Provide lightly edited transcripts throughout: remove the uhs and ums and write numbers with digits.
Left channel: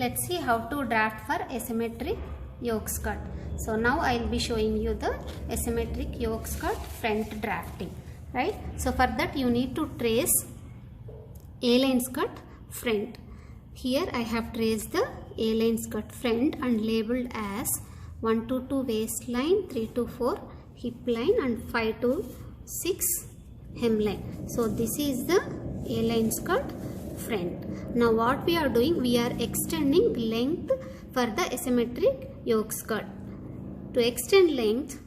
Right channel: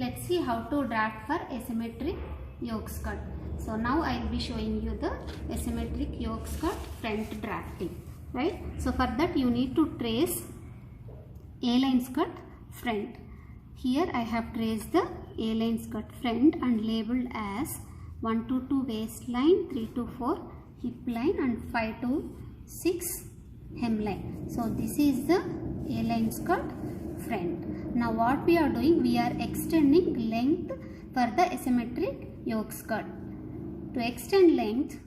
let's see how to draft for asymmetric yoke skirt. So now I will be showing you the asymmetric yoke skirt front drafting, right? So for that you need to trace A-line skirt front. Here I have traced the A-line skirt front and labeled as 1 to 2 waistline, 3 to 4 hip line and 5 to 6 hemline. So this is the A-line skirt front. Now what we are doing, we are extending length for the asymmetric yoke skirt. To extend length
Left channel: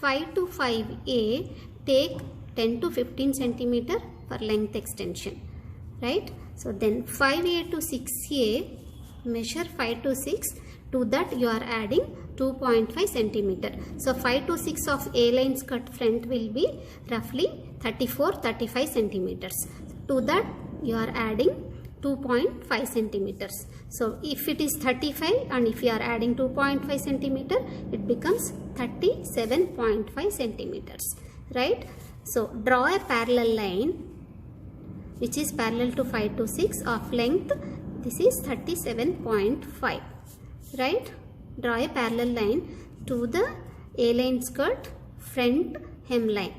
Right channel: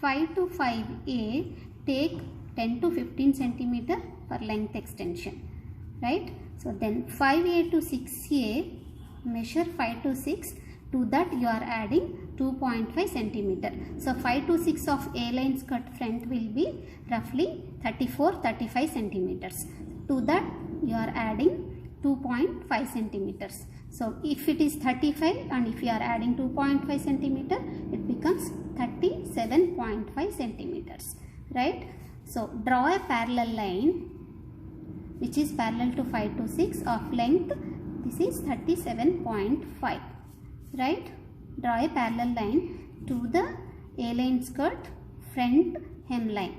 5 to 5A, take 10 to 15 centimeter for length extension, right? So then 5A to 6A, measure 5 to 6, to that you are adding 2.5 centimeter. So 5 to 6 of A-line skirt front will be roughly 34-35 centimeters. To that you are adding 2.5 centimeters. So if it is 35 and if you are adding 2.5 centimeter, it becomes 37.5 centimeters, right? So draw a parallel line which is parallel to 5 to 6 of length. This is 37.5, right? Draw a parallel line to the A-line skirt front hemline.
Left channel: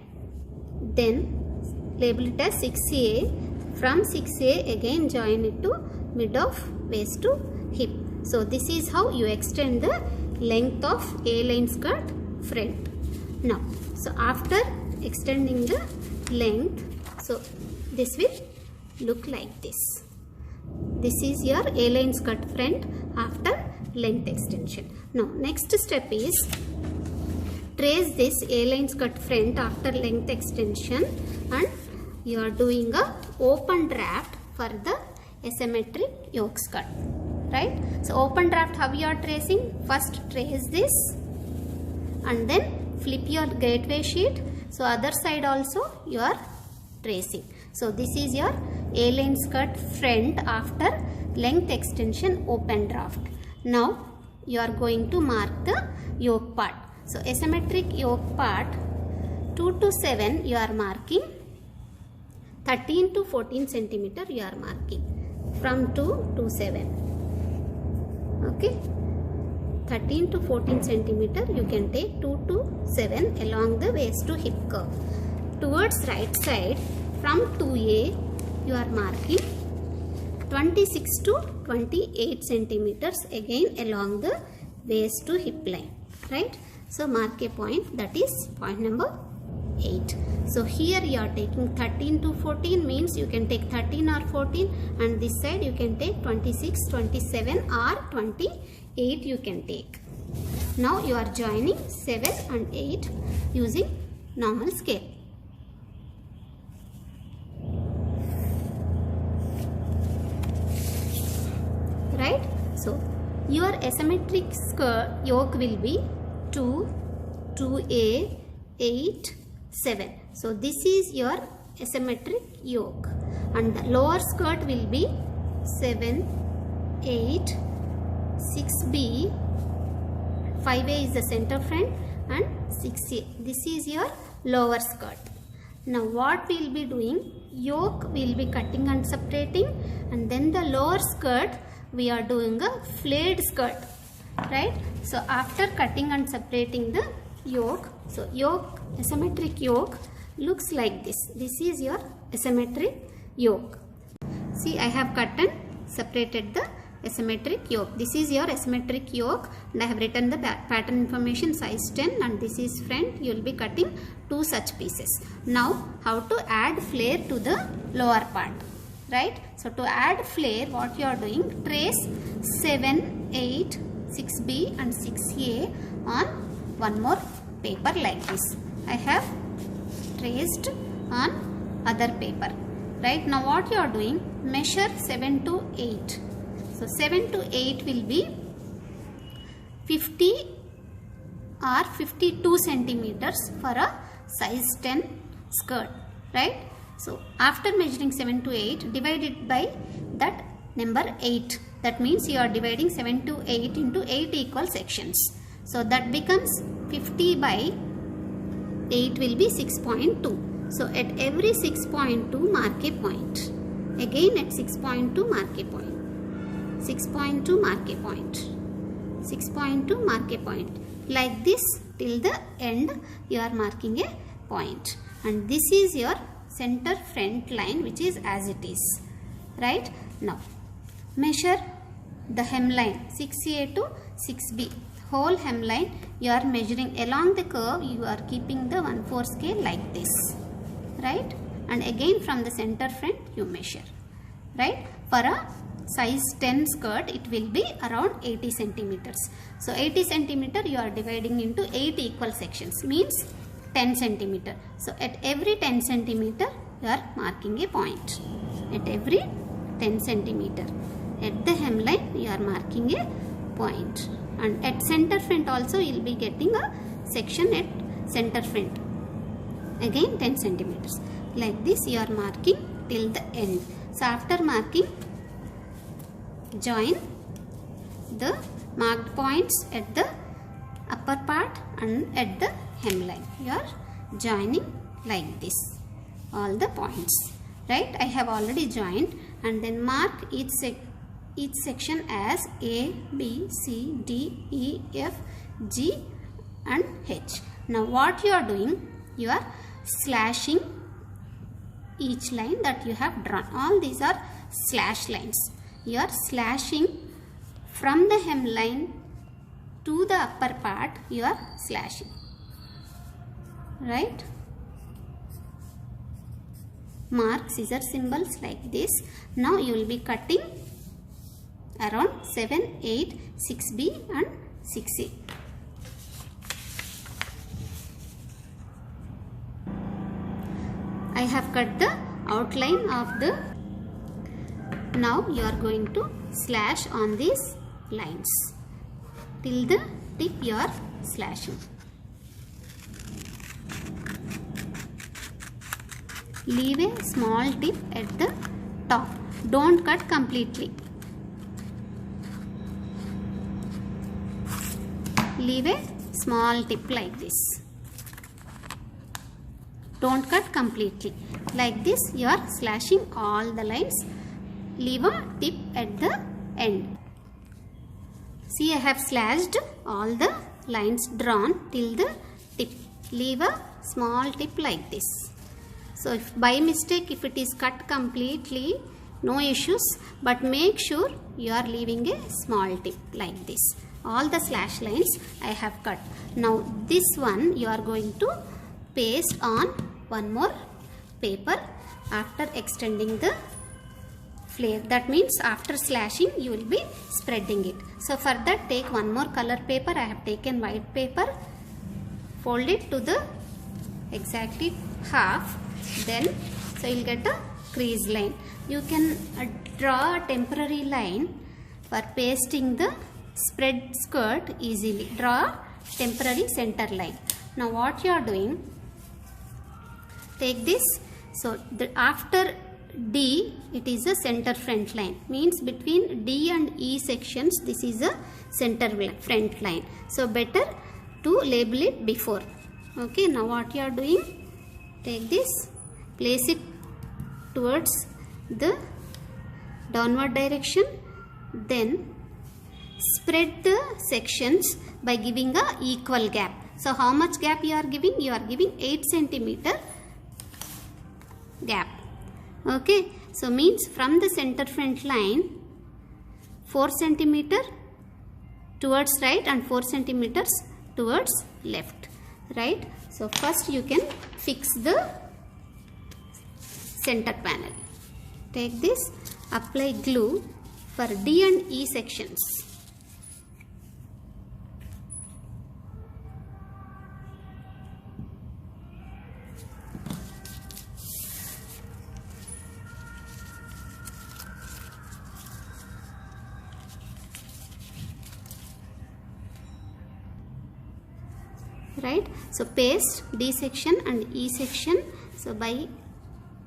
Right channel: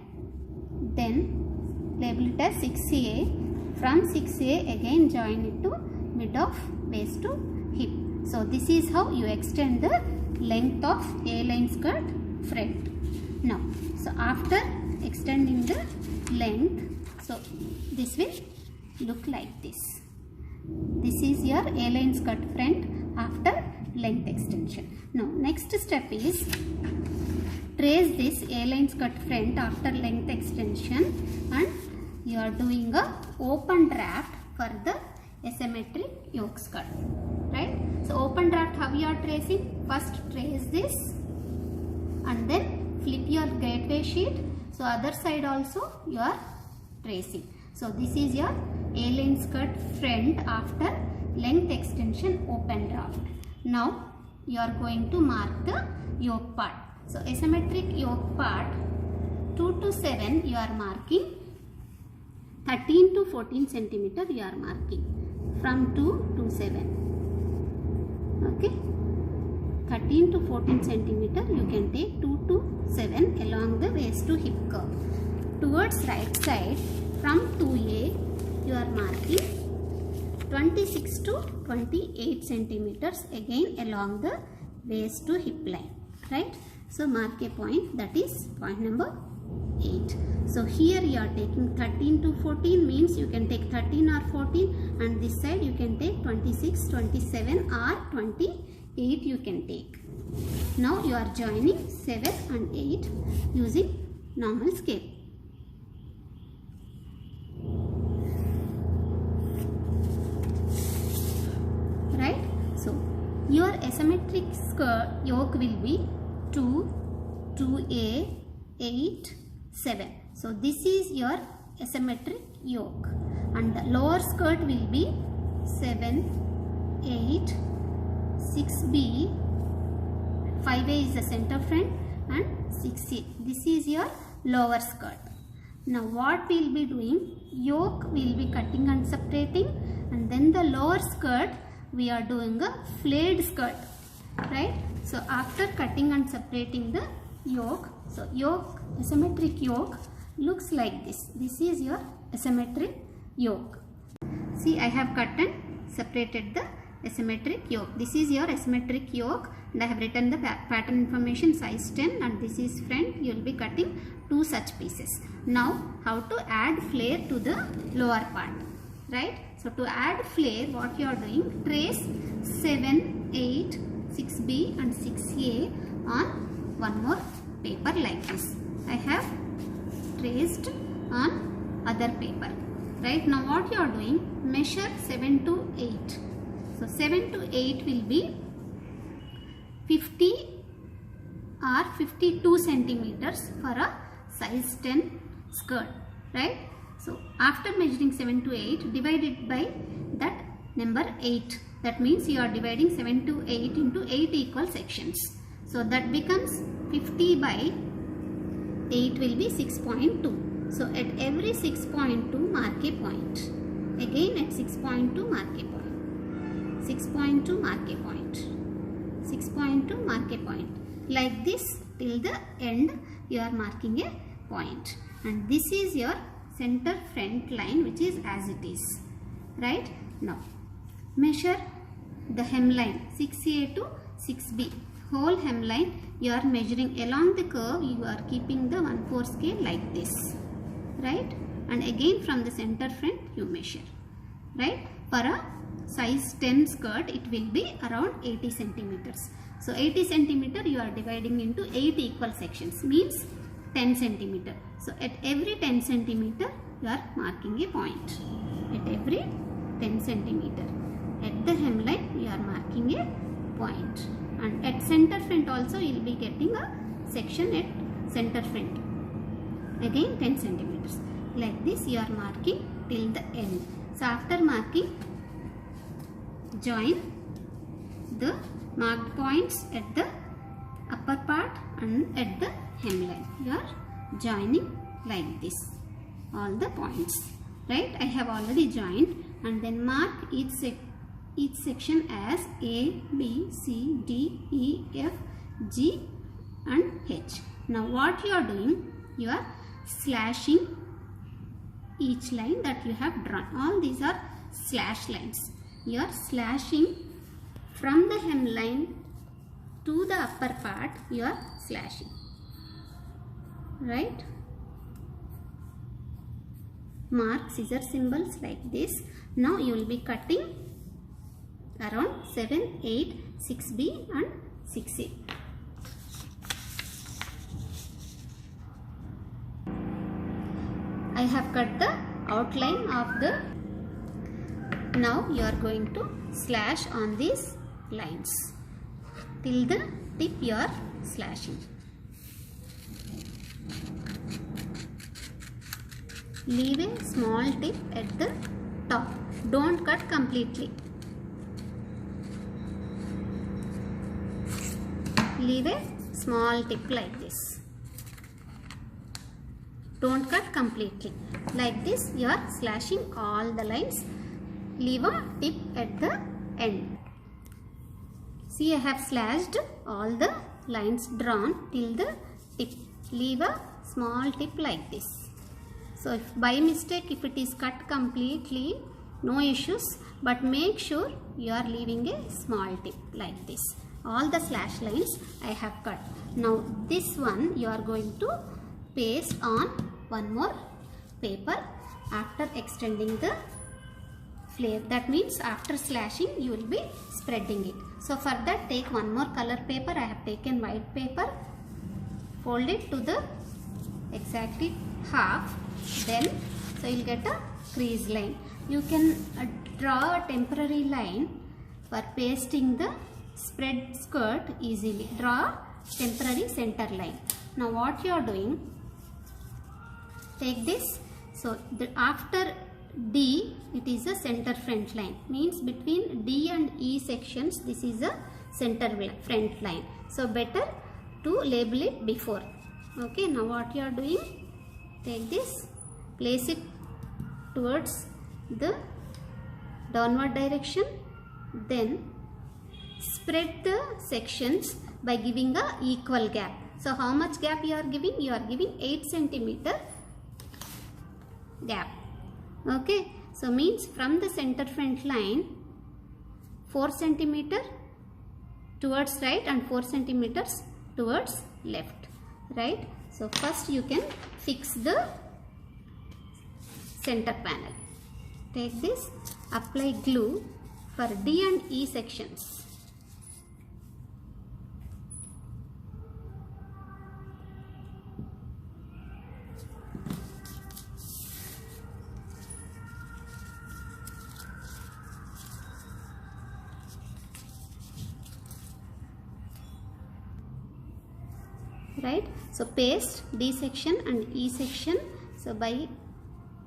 Then label it as 6A. From 6A again join it to mid of waist to hip. So this is how you extend the length of A-line skirt front. Now, so after extending the length, so this will look like this. This is your A-line skirt front after length extension. Now next step is trace this A-line skirt front after length extension and you are doing a open draft for the asymmetric yoke skirt, right? So open draft, how you are tracing? First trace this and then flip your gateway sheet. So other side also you are tracing. So this is your A-line skirt front after length extension open draft. Now you are going to mark the yoke part. So asymmetric yoke part 2 to 7 you are marking, 13 to 14 centimeter you are marking from 2 to 7. Okay, 13 to 14 centimeter you can take 2 to 7 along the waist to hip curve. Towards right side from 2A you are marking 26 to 28 centimeters again along the waist to hip line, right? So mark a point, that is point number 8. So here you are taking 13 to 14 means you can take 13 or 14 and this side you can take 26, 27 or 28 you can take. Now you are joining 7 and 8 using normal scale. Right? So your asymmetric skirt yoke will be 2, 2A, 8, 7. So this is your asymmetric yoke and the lower skirt will be 7, 8, 6B, 5A is the center front and 6A. This is your lower skirt. Now what we will be doing, yoke we will be cutting and separating and then the lower skirt we are doing a flayed skirt, right? So after cutting and separating the yoke, so yoke, asymmetric yoke looks like this. This is your asymmetric yoke. See, I have cut and separated the asymmetric yoke. This is your asymmetric yoke and I have written the pattern information size 10 and this is front. You will be cutting 2 such pieces. Now how to add flare to the lower part, right? So to add flare, what you are doing, trace 7, 8, 6B and 6A on one more paper like this. I have traced on other paper, right? Now what you are doing, measure 7 to 8. So 7 to 8 will be 50 or 52 centimeters for a size 10 skirt, right? So after measuring 7 to 8, divide it by that number 8. That means you are dividing 7 to 8 into 8 equal sections. So that becomes 50 by 8 will be 6.2. So at every 6.2 mark a point. Again at 6.2 mark a point. 6.2 mark a point. 6.2 mark a point. Like this till the end you are marking a point. And this is your center front line, which is as it is. Right? Now measure the hemline 6A to 6B. Whole hemline you are measuring along the curve. You are keeping the 1/4 scale like this. Right? And again from the center front you measure. Right? For a size 10 skirt it will be around 80 centimeters. So 80 centimeter you are dividing into 8 equal sections, means 10 centimeter. So at every 10 centimeter you are marking a point. At every 10 centimeter. At the hemline you are marking a point. And at center front also you will be getting a section at center front. Again 10 centimeters. Like this you are marking till the end. So after marking, join the marked points at the upper part and at the hemline. You are joining like this all the points. Right? I have already joined, and then mark each section as A, B, C, D, E, F, G and H. Now what you are doing? You are slashing each line that you have drawn. All these are slash lines. You are slashing from the hemline to the upper part. You are slashing. Right? Mark scissor symbols like this. Now you will be cutting around 7, 8, 6B and 6A. I have cut the outline of the. Now you are going to slash on these lines till the tip you are slashing. Leave a small tip at the top. Don't cut completely. Leave a small tip like this. Don't cut completely. Like this you are slashing all the lines. Leave a tip at the end. See, I have slashed all the lines drawn till the tip. Leave a small tip like this. So if by mistake if it is cut completely, no issues, but make sure you are leaving a small tip like this. All the slash lines I have cut. Now this one you are going to paste on one more paper after extending the flare. That means after slashing you will be spreading it. So for that take one more color paper. I have taken white paper. Fold it to the exactly half. Then so you will get a crease line. You can draw a temporary line for pasting the spread skirt easily. Draw temporary center line. Now what you are doing? Take this. So after D it is a center front line, means between D and E sections this is a center front line. So better to label it before. Okay, now what you are doing? Take this, place it towards the downward direction, then spread the sections by giving a equal gap. So how much gap you are giving? You are giving 8 centimeter gap. Okay, so means from the center front line 4 centimeter towards right and 4 centimeters towards left. Right? So first you can fix the center panel. Take this, apply glue for D and E sections. Right? So paste D section and E section. So by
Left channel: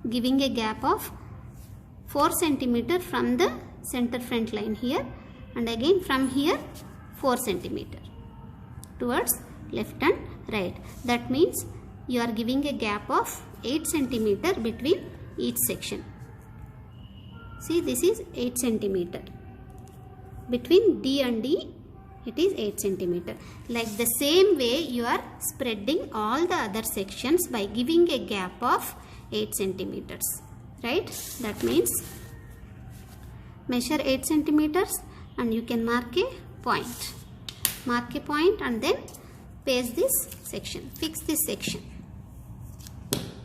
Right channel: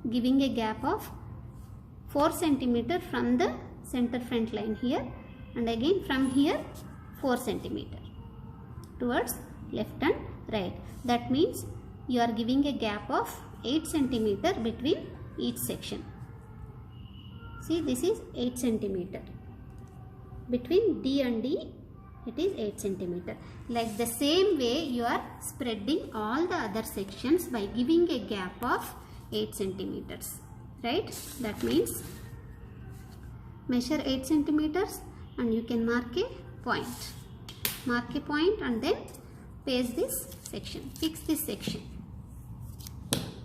giving a gap of 4 centimeter from the center front line here, and again from here 4 centimeter towards left and right. That means you are giving a gap of 8 centimeter between each section. See, this is 8 centimeter. between D and D it is 8 centimeter. Like the same way you are spreading all the other sections by giving a gap of 8 centimeters, right? That means measure 8 centimeters and you can mark a point. Mark a point and then paste this section, fix this section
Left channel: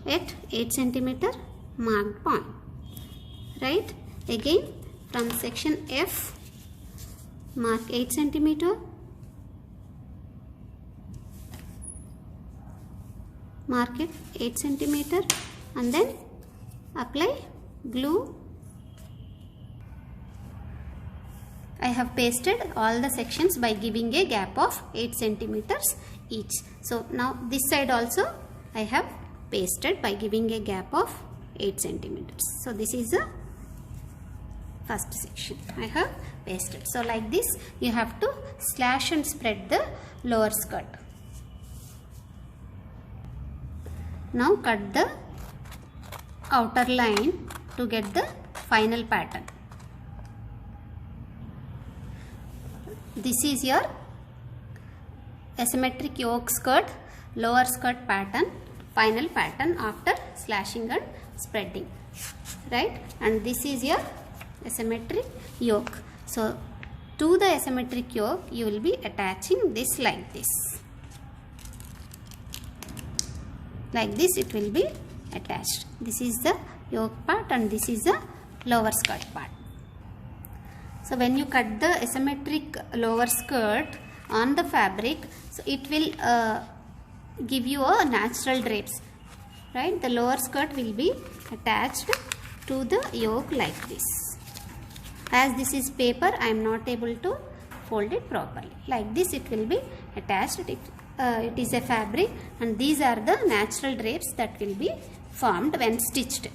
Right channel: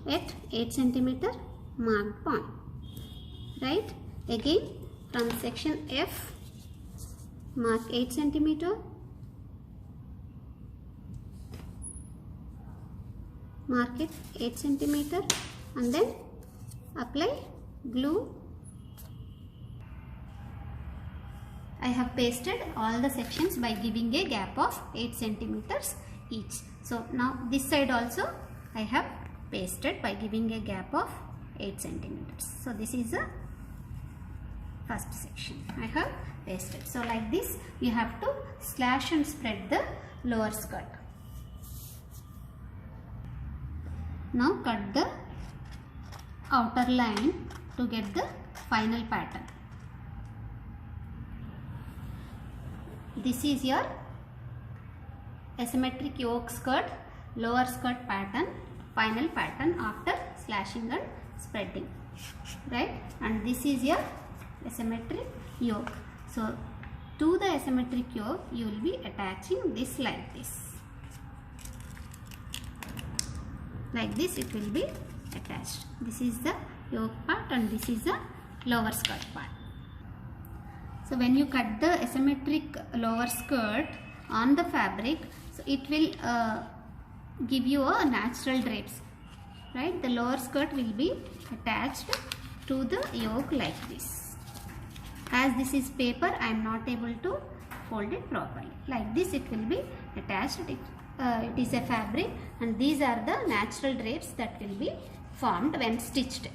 at 8 centimeter marked point, right? Again from section F, mark 8 centimeter, mark it 8 centimeter and then apply glue. I have pasted all the sections by giving a gap of 8 centimeters each. So now this side also I have pasted by giving a gap of 8 centimeters. So this is the first section I have pasted. So like this you have to slash and spread the lower skirt. Now cut the outer line to get the final pattern. This is your asymmetric yoke skirt, lower skirt pattern, final pattern after slashing and spreading, right? And this is your asymmetric yoke. So to the asymmetric yoke you will be attaching this like this. Like this it will be attached. This is the yoke part and this is the lower skirt part. So when you cut the asymmetric lower skirt on the fabric, so it will give you a natural drapes, right? The lower skirt will be attached to the yoke like this. As this is paper, I am not able to fold it properly. Like this it will be attached. It is a fabric and these are the natural drapes that will be formed when stitched.